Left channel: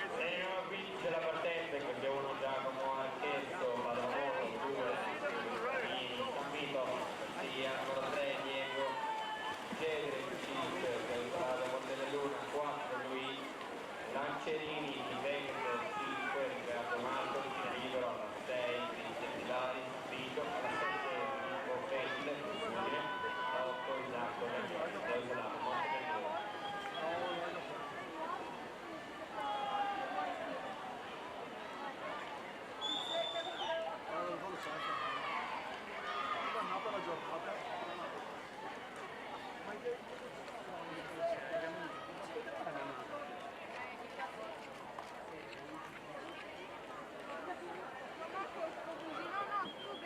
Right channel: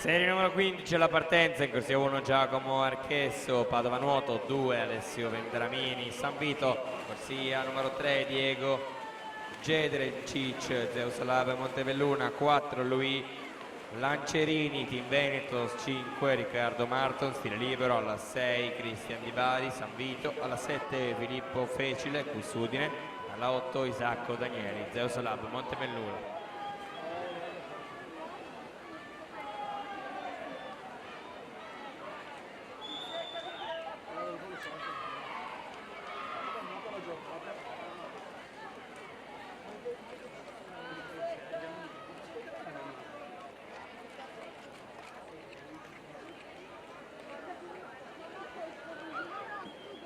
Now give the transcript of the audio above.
Serie numero 15 alla partenza, in corsia 1 Giacomo Archesso, Padova Nuoto, 2 Alessio Venturamini, San Vito, corsia numero 3 Diego Gedre Cic, Zeus Lab Montebelluna, 4 Luis Lancerini, Team Veneto, 5 Riccardo Martons, stile libero, alla 6 Cristian Di Bari, San Vito, alla 7 Filippo Fecile, Cusudine, alla 8 Isacco Danieli, Zeus Lab Montebelluna.